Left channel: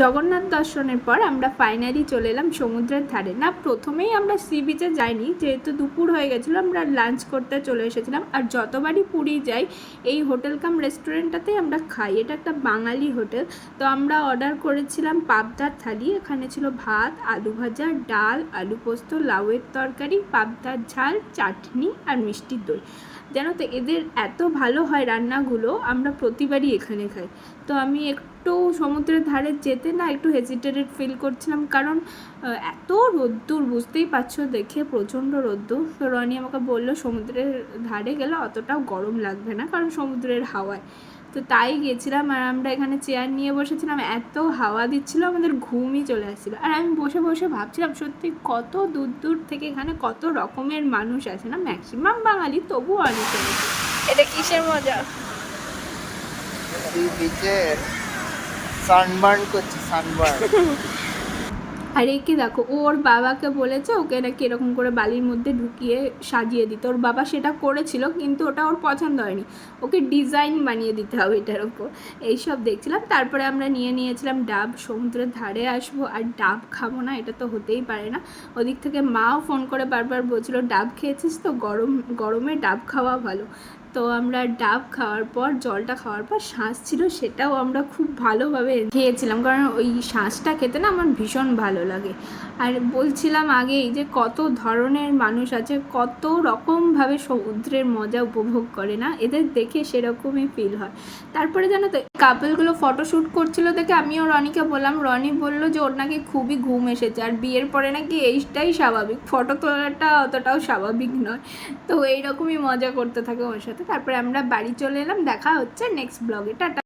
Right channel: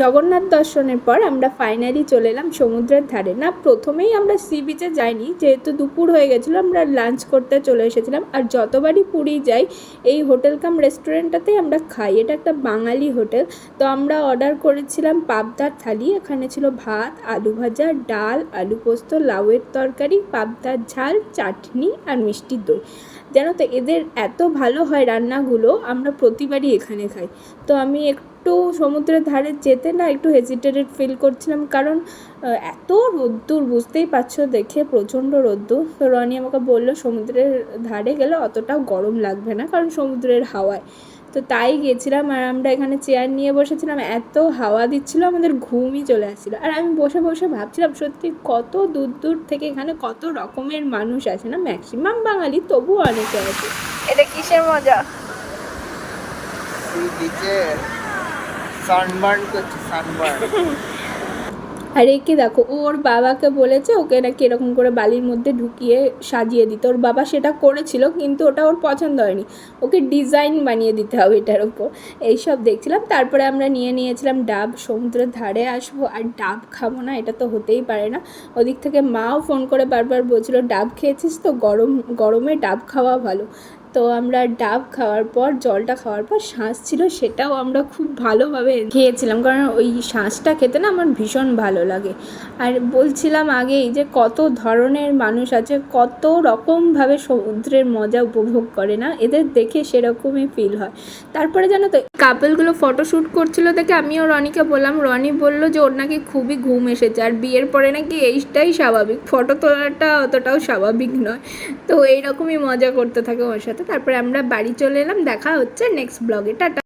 জগন্নাথ দর্শনের পর আমরা ফাইনালি চলে এলাম সমুদ্রের ধারে। না, প্রথমেই আমরা সি বিচে যাইনি, যেহেতু দুপুর হয়ে গেছিলো আমরা লাঞ্চ করতে চলে এসেছিলাম। আর যতবারই পুরী যাই এই হোটেল কাম রেস্টুরেন্টটাতেই আমরা খাই, এটা একটা বাঙালি হোটেল। তো আমরা অর্ডার করেছিলাম পাবদার থালি। এখানে ছিল ভাত, আলু ভাজা, ডাল, আলু পোস্ত, লাউয়ের তরকারি, পাবদার ঝাল, চাটনি আর মিষ্টি দই। জানো তো এদের এত ভালো হয় রান্নাগুলো, আমরা প্রতিবারই এখানে খাই। তো আমি একটু সমুদ্রের ধারে যেতে না একটু হেজিটেটেড ফিল করছিলাম, কারণ এত রোদ্দুর, বুঝতেই পারছো দেখে প্রচণ্ড রোদ্দুর। তো রনি আমাকে বললো সমুদ্রের ধারে গেলে অতটাও গরম লাগবে না, কারণ সমুদ্রের হাওয়ায়। তো তাই গেছিলাম, আর আমরা এখানে চেয়ার নিয়ে বসেছিলাম, এত হাওয়া দিচ্ছিলো আমাদের ঘুমই চলে আসছিলো। আর আমি বসে বসে ভাবছিলাম সত্যি কত দূর দূর থেকে এখানে কত রকমের মানুষ আছে, না ম্যাক্সিমাম বাঙালি, তবুও অনেকে আছে। এটা কিসের মজা? সানবার্ন করছে, সানবার্ন। আর একে দেখো, ওর বাবাকে বলেছে ওকে নাকি এরকম করে বালির মধ্যে ঢুকিয়ে সাজিয়ে দিতে। ওর বাবা সেটা করেছিল, কিন্তু ওটা ওর পছন্দ হয়নি, ওকে ডিজাইন বানিয়ে দিতে হবে এটার ওপর। এইসব দেখছিলাম। তারপরে আমরা নিয়েছিলাম ডাব। সমুদ্রের ধারে আসবো আর ডাব খাবো না, এটা তো হতেই পারে না। ওদিক থেকে মাও ফোন করে বারবার বলছিল ডাব খেয়েছিস তো, গরমে ডাব খাওয়া ভালো। তো আমরা ডাব খাওয়ার পর, জলটা খাওয়ার পর শাঁস ছিল, সেটাও আমরা খুব ভালোভাবে খেয়েছিলাম, কারণ ওই শাঁসটা খেতে না আমার ভীষণ ভালো লাগে। আর বলছিলাম আগেই যে কত ধরনের মানুষ আছে, কত রকমভাবে সমুদ্রের মজা উপভোগ করে, না এদের দেখে সেরকমই ফিল হয়। তারপরে জানো তো কাপলগুলো ফটোশ্যুট করছিল দেখে আমিও রনিকে বললাম, রনি বলল যে ওর নাকি খুবই ঘুম এসেছে, আর বিয়ের পরে নাকি এইটাই স্বাভাবিক, ফটো তোলাটা অতটাও স্বাভাবিক নয়। তো এইরকমই মজা করতে থাকে ওর সাথে। তারপরে আমরা বাড়ি চলে এলাম, দেখা হচ্ছে নেক্সট ব্লগে, টাটা।